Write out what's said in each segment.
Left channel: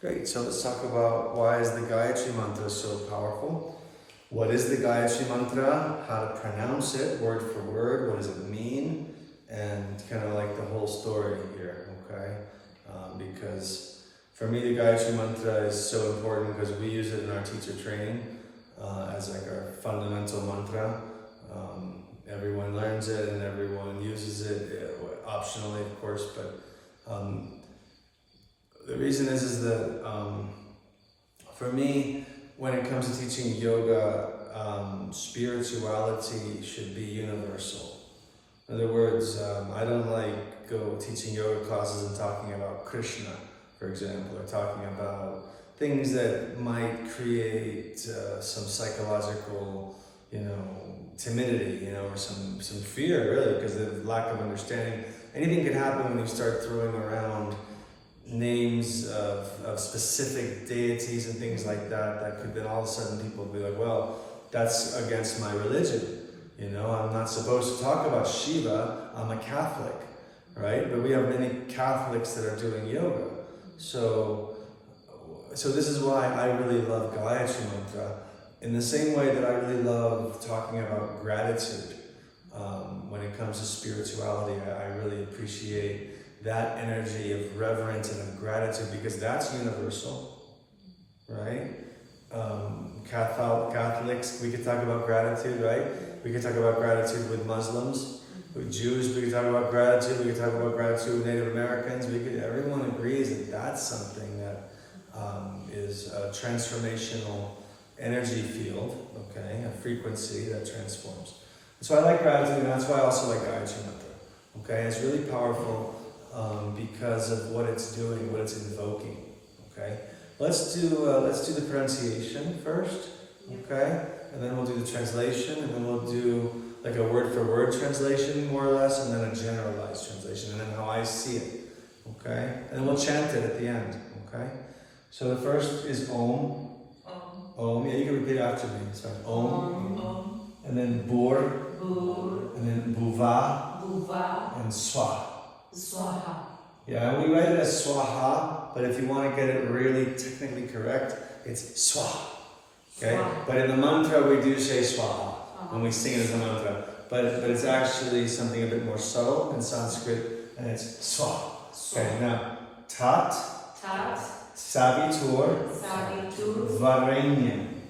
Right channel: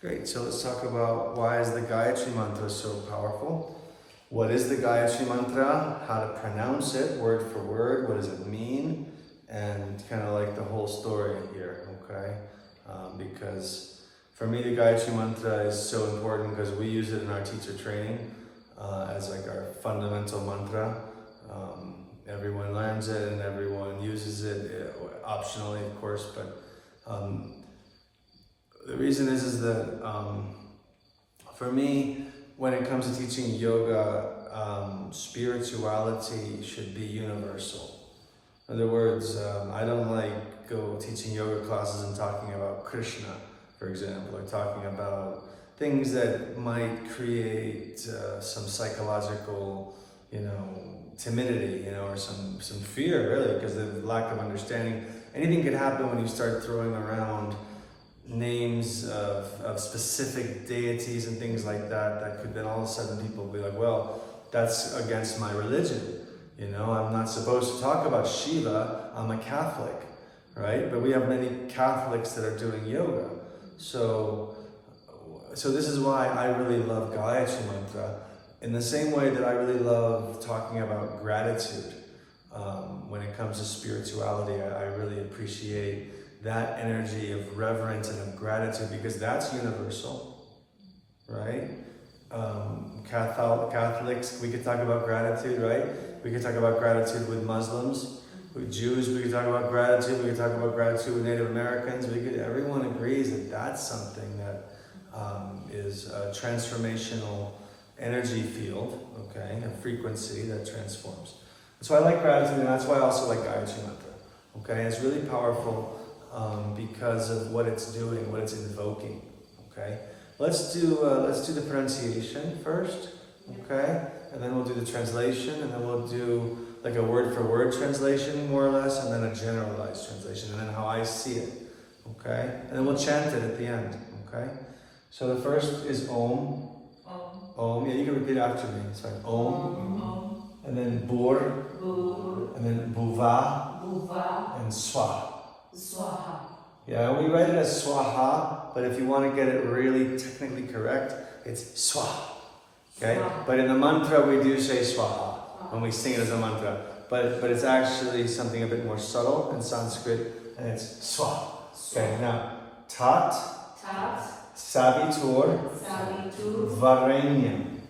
Great, so let's talk about why is the Gayatri Mantra so powerful? What is the Gayatri Mantra? How to pronounce it, word for word, what does it mean? And kind of like the whole story here, okay? Because for me, the Gayatri Mantra is so important because we use it in our teacher training as like our fundamental mantra. Everyone learns it and everyone uses it, optionally of course, but the reason is that for me, when it comes to teaching yoga, spirituality should be universal. In other words, I don't like go teaching yoga classes and talking about Krishna, for example, or talking about things that might create some psychological, timidity, or some fear, really, because of lack of understanding. Anything could happen when you start throwing around names of specific deities and things like that. That could then all of a sudden people be like, well, that's against my religion. I'm not supposed to talk about Shiva. I'm a Catholic, right? But we have many Catholics that are doing yoga. So this is why I really love Gayatri Mantra. In the same way that I really love talking about gratitude. When it comes to spirituality, I really appreciate that energy of reverence and of gratitude because that's universal, right? Catholics, we could talk about gratitude, right? We could talk about gratitude with Muslims, with Jews, we could talk about gratitude, we could talk about gratitude with Native Americans, everyone agrees that that's something that is a transformational energy field, okay? A frequency that transforms. So I like gratitude, and that's why I also like Gayatri Mantra, okay? It's really powerful because of what it's doing, what it's invoking, okay? Let's do the pronunciation first, okay? And then we'll do the translation, and then we'll do like a word-for-word translation, more or less, and then a generalized translation, and then how I see it, okay? And then we'll chant it at the end, okay? So the first is Om. Om. Yeah, you can repeat after me. It's fine. Om. And then Bur. And then Bhuva. And Swaha. Swaha. Yeah, we read it as Swaha, but if you want to get it really technically correct, it's Swaha. Okay? Swaha. But in the mantra, we do say Swaha when we sing it as a mantra. But it's actually something a bit more subtle in Sanskrit, and it's Swaha. Okay, now, Tat. Savitur. Varenyam.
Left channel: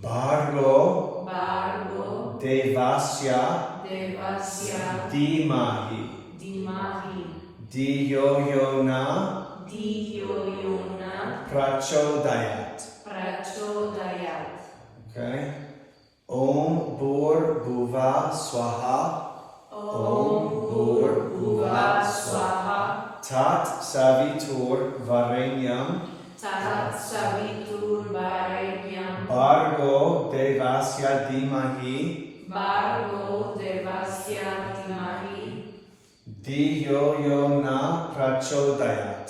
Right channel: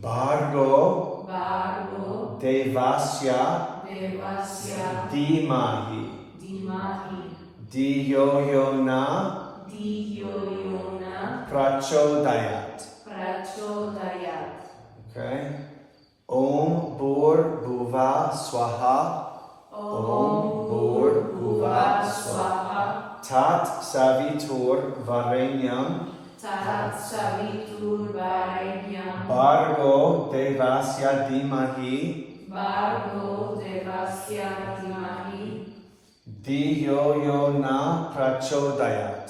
Bhargo. Devasya. Dhimahi. Dhiyo Yona. Prachodayat. Okay. Om Bhur Bhuva Swaha. Om Bhur Bhuva Swaha. Tat Savitur Varenyam. Bhargo Devasya Dhimahi. Dhiyo Yona Prachodayat.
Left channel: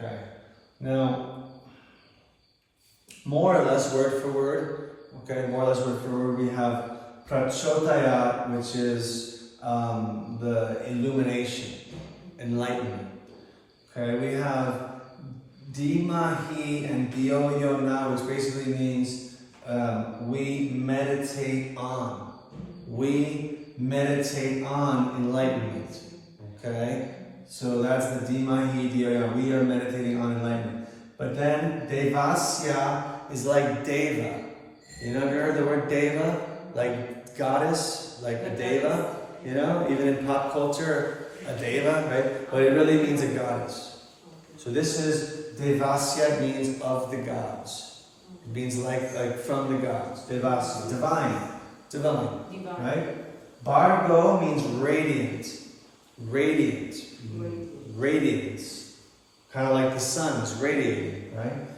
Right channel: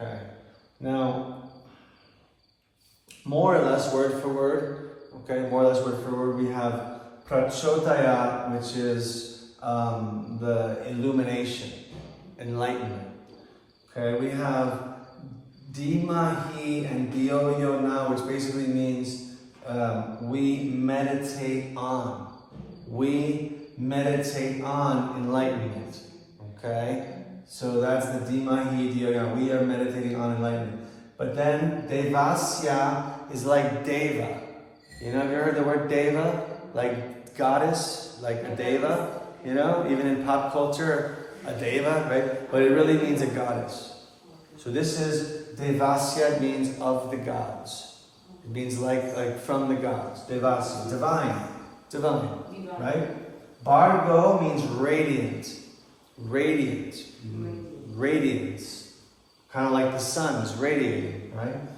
Okay. Now, more or less word for word, we have Prachodayat, which is the illumination, enlightenment. Okay, we have Dhimahi and Dhiyo Yona, which basically means we meditate on. We meditate on enlightenment. Okay, so that's the Dhimahi Dhiyo Yona. We are meditating on enlightenment. But then Devasya is like Deva. Have you heard the word Deva? Like goddess, like a Deva. Even in pop culture, a Deva, right? But it really means a goddess. So this is Devasya, means of the gods. It means like from the gods. Devasya, divine, right? Bhargo means radiant, radiance. Kind of like the sun is radiating, right?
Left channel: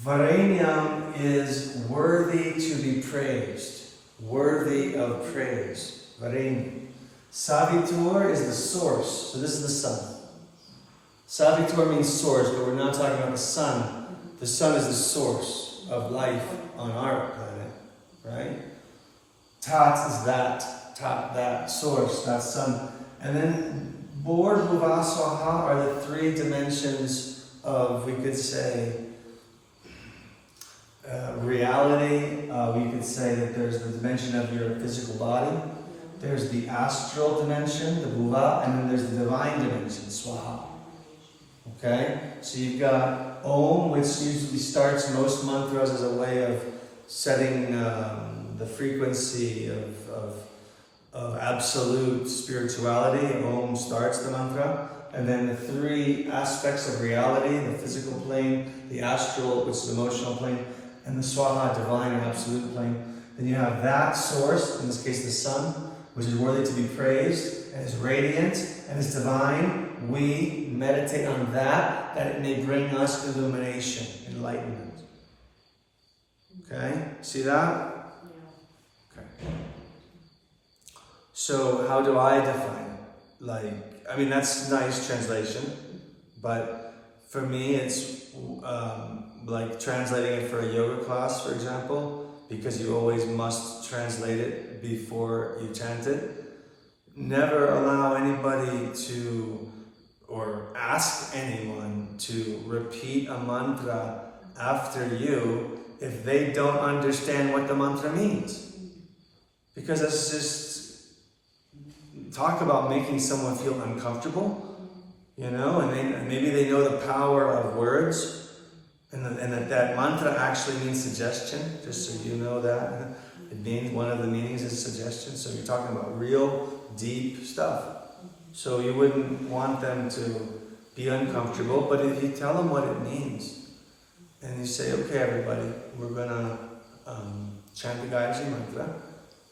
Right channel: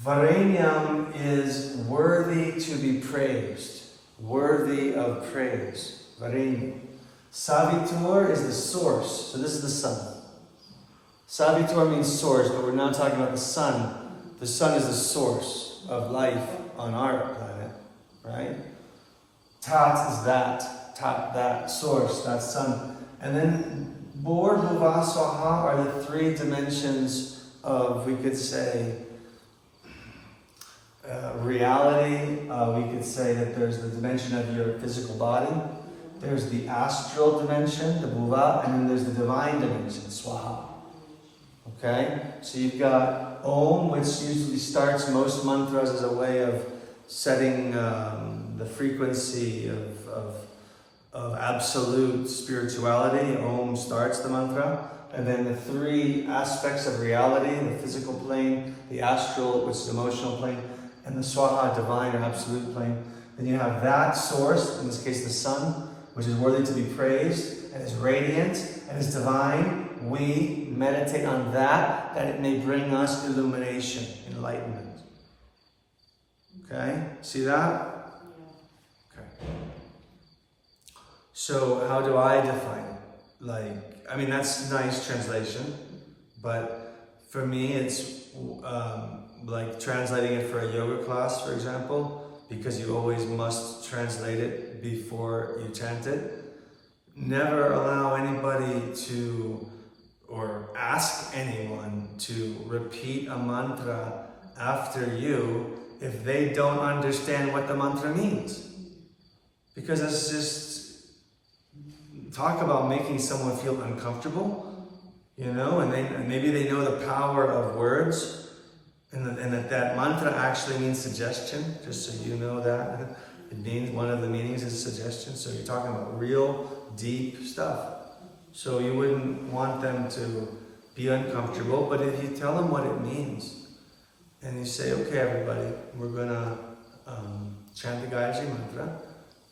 Varenyam is worthy to be praised, worthy of praise. Varenyam. Savitur is the source. So this is the sun. Savitur means source, but we're not talking about the sun. The sun is the source of life on our planet, right? Tat is that source, that sun. And then Bor, Bhuva, Swaha are the three dimensions of, we could say, reality. We could say that there's the dimension of your physical body. There's the astral dimension, the Bhuva, and then there's the divine dimension, Swaha. Okay? So you've got Om, which usually starts most mantras as a way of setting the frequency of absolute spirituality. Om starts the mantra. And then the three aspects of reality, the physical plane, the astral, which is the emotional plane, and the Swaha, divine or absolute plane. Then you have that source, in this case the sun, which is worthy to be praised, and is radiant, and is divine. We meditate on that it may bring us illumination, enlightenment. Okay? See that? Okay. So how do I define it? That's nice translation, but for me it's like translating it for a yoga class, for example, because you always must translate it before you chant it. Never allow anybody to, or ask anyone to repeat a mantra after you if they don't understand what the mantra means. Because that's just, talk about making someone feel uncomfortable, and maybe they know the power of words, and that mantra actually means suggestion, just so you know that. It means, one of the meanings is suggestion, so you're talking about real, deep stuff. So you wouldn't want them to be uncomfortable, but if you tell them what it means, and you say, okay everybody, we're gonna chant the Gayatri Mantra.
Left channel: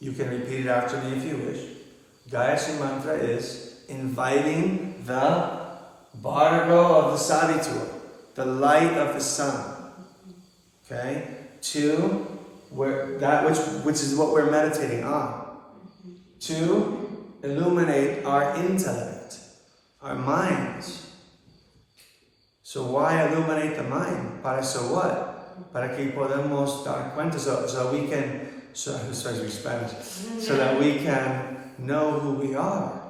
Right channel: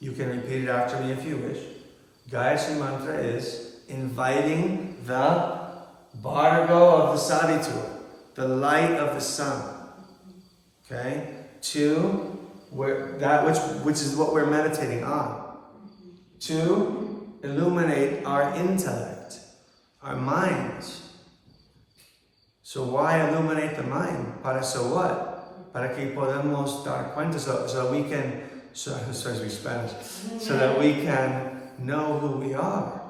You can repeat it after me if you wish. Gayatri Mantra is inviting the Bhargo of the Saditur, the light of the sun, okay, to which is what we're meditating on, to illuminate our intellect, our minds. So why illuminate the mind? Para so what? Para que podemos dar cuenta, so we can, Spanish, so that we can know who we are.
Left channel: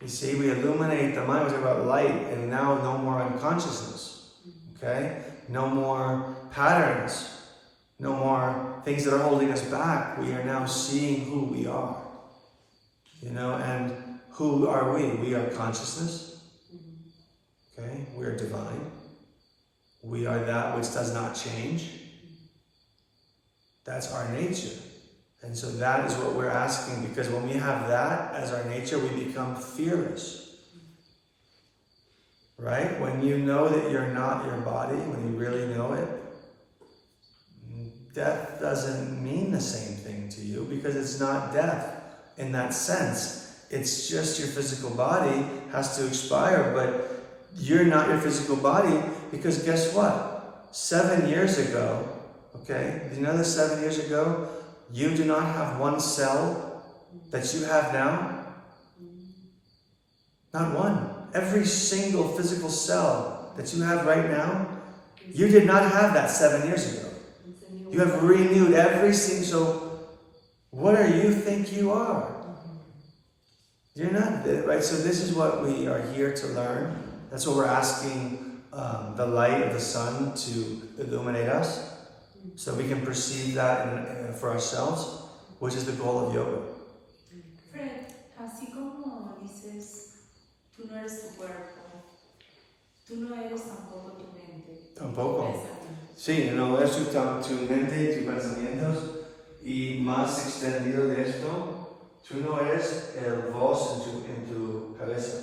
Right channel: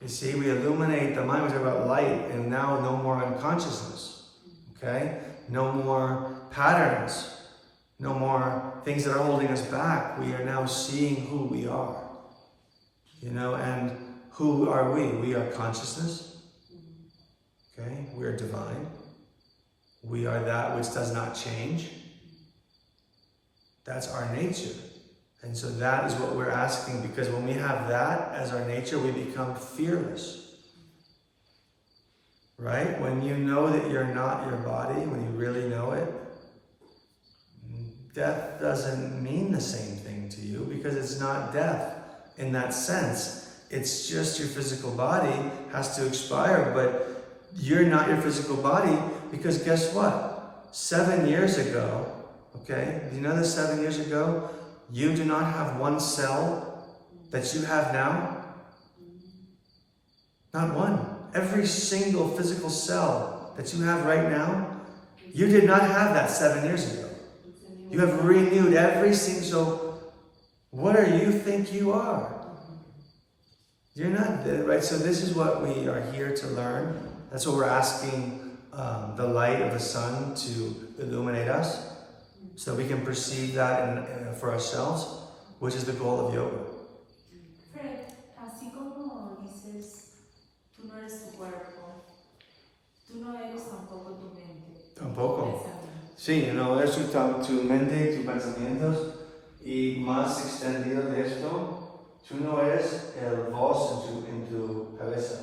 You see, we illuminate the mind, we talk about light, and now no more unconsciousness, okay? No more patterns, no more things that are holding us back. We are now seeing who we are, and who are we? We are consciousness, okay? We are divine. We are that which does not change. That's our nature. And so that is what we're asking, because when we have that as our nature, we become fearless. Right? When you know that you're not your body, when you really know it, death doesn't mean the same thing to you, because it's not death in that sense. It's just your physical body has to expire, but you're not your physical body, because guess what? 7 years ago, okay, do you know that 7 years ago, you do not have one cell that you have now? Not one. Every single physical cell that you have right now, you did not have that 7 years ago. You have renewed every single, so what do you think you are? You're not, right? So this is what we are here to learn. That's what we're asking the light of the sun to illuminate us, so we can perceive that for ourselves, which is the goal of yoga. Fred, así como dices, tú no eres tu cuerpo, tú no eres tampoco tu mente. Tampoco. Sí, no es tu mente, tus pensamientos, y más extendido de esto, tú no eres el voz en tu cabeza.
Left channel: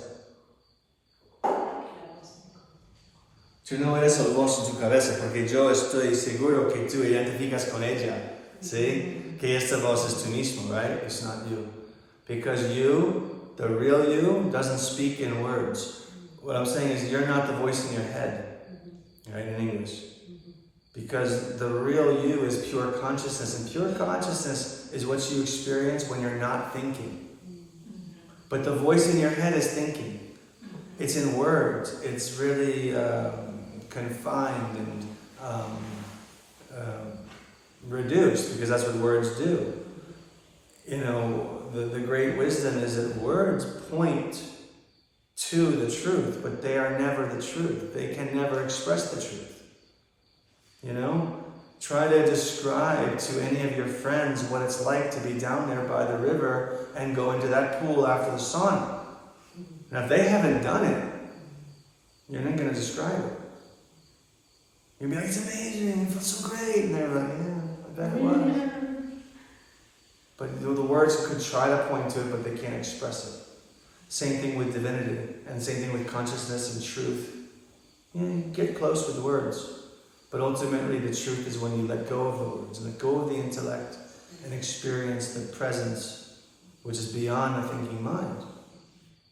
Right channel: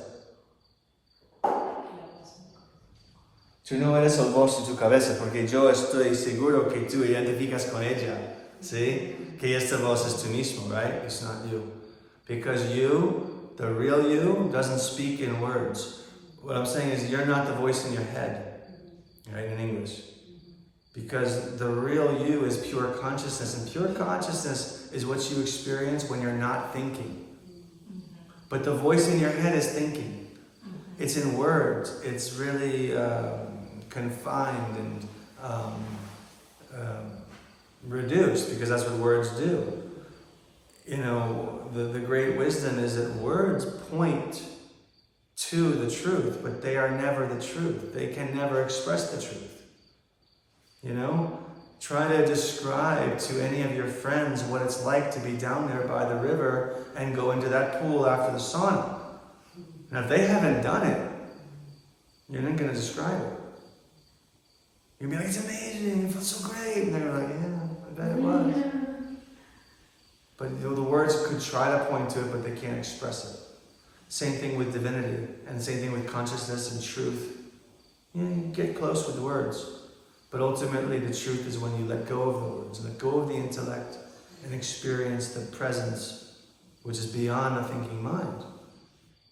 Tú no eres el voz en tu cabeza, porque yo estoy seguro que tú identificas con ella, ¿sí? Que esta voz es tú mismo, right? It's not you. Because you, the real you, doesn't speak in words. What I'm saying is you're not the voice in your head, right, in English. Because the real you is pure consciousness, and pure consciousness is what you experience when you're not thinking. But the voice in your head is thinking. It's in words. It's really confined and reduced, because that's what words do. the great wisdom is that words point to the truth, but they are never the truth. They can never express the truth. Try to describe to any of your friends what it's like to be down there by the river and go into that pool after the sauna. Now, if they haven't done it, you're not going to describe it. You'll be like, it's amazing, it felt so great. And they're like, yeah, I bet it was. But the words could try to point to it, but they can't express it. Same thing with divinity, and same thing with consciousness and truth. You get close with the words, but ultimately the truth is when you let go of the words, let go of the intellect, and experience the presence, which is beyond the thinking mind,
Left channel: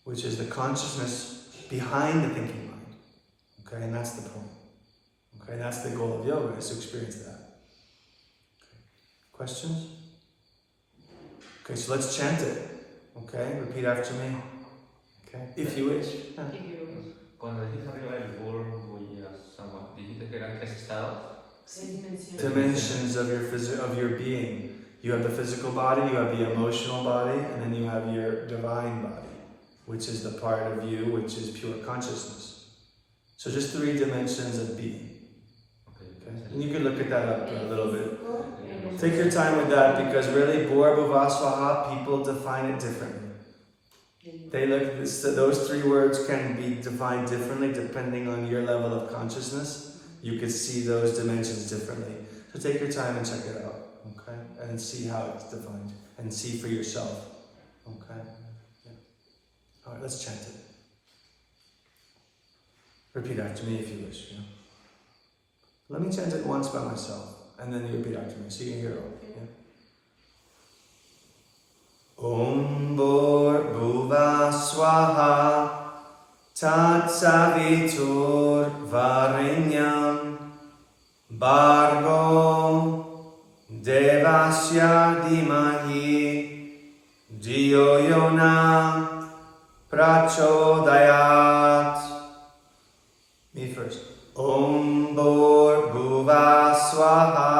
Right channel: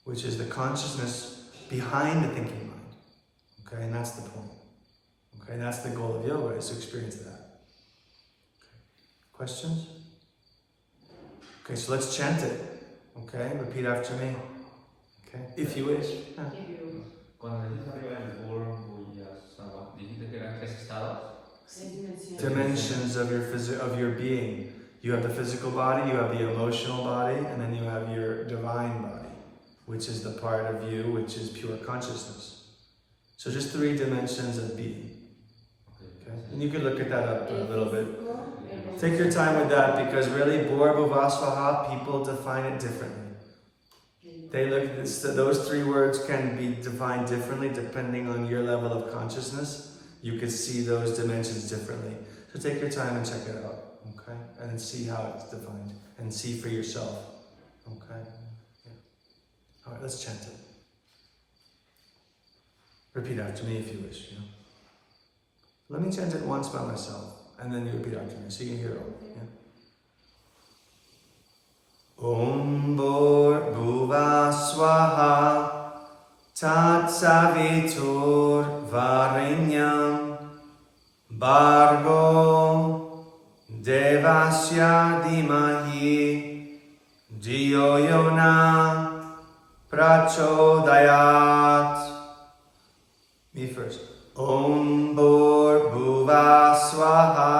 which is the consciousness behind the thinking mind. Okay, and that's the point. Okay, and that's the goal of yoga, is to experience that. Okay. Questions? Okay, so let's chant it. Okay, repeat after me. Okay, if you wish. Yeah. Cuando dijiste arriba del polvo y las aguas, dijiste que eran 3 estados. Dimensions of your being. You have the physical body, you have the emotional body, and then you have your divine body, which is the part of you which is pure consciousness. So just 3 dimensions of being. Okay, and you can look at that up a little bit. Take your time with that, because really, Bhur Bhuvasvaha, people define it differently. They look at this, those 3 words can be defined differently depending on your level of consciousness. You could see those dimensions differently. So take your time and check it out, okay? And see how it's defined, and see for yourself, okay? Yeah. All right, let's chant it. Repeat after me if you wish. Yeah. Let me chant it once by myself, and then you repeat after me, so you can hear it all. Yeah. Om Bhur Bhuva Swaha Tat Savitur Varinyam Bhargo Devasya Dhimahi Dhiyo Yona Prachodayat. Me first. Om Bhur Bhuva Swaha.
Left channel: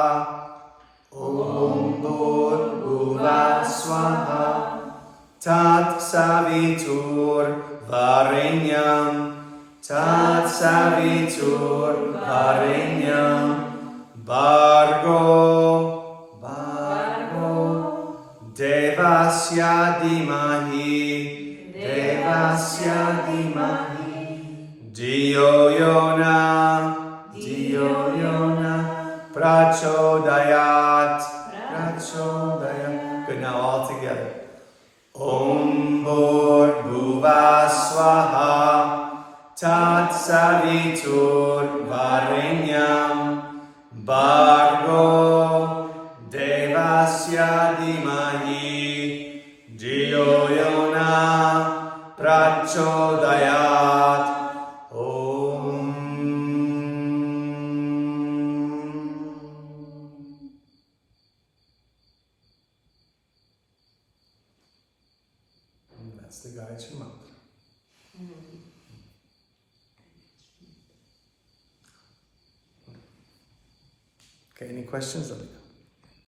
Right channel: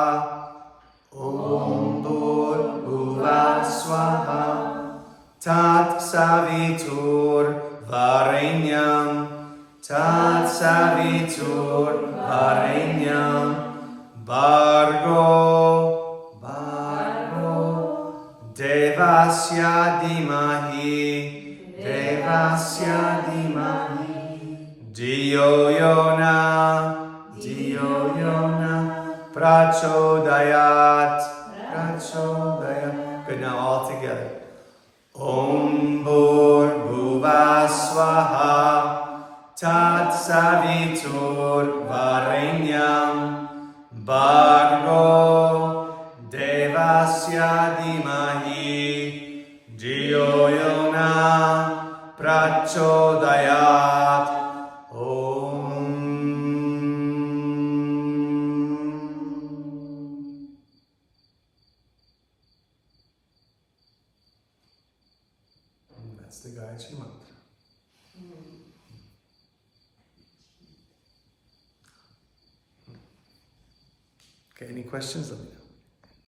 Om Bhur Bhuva Swaha Tat Savitur Varinyam Tat Savitur Varinyam Bhargo Devasya Dhimahi Devasya Dhimahi Dhiyo Yona Prachodayat. Good, now all together. Om Bhur Bhuva Swaha Tat Savitur Varinyam Bhargo Devasya Dhimahi Dhiyo Yona Prachodayat. That's the Gayatri Mantra. Okay, any questions? Let me know.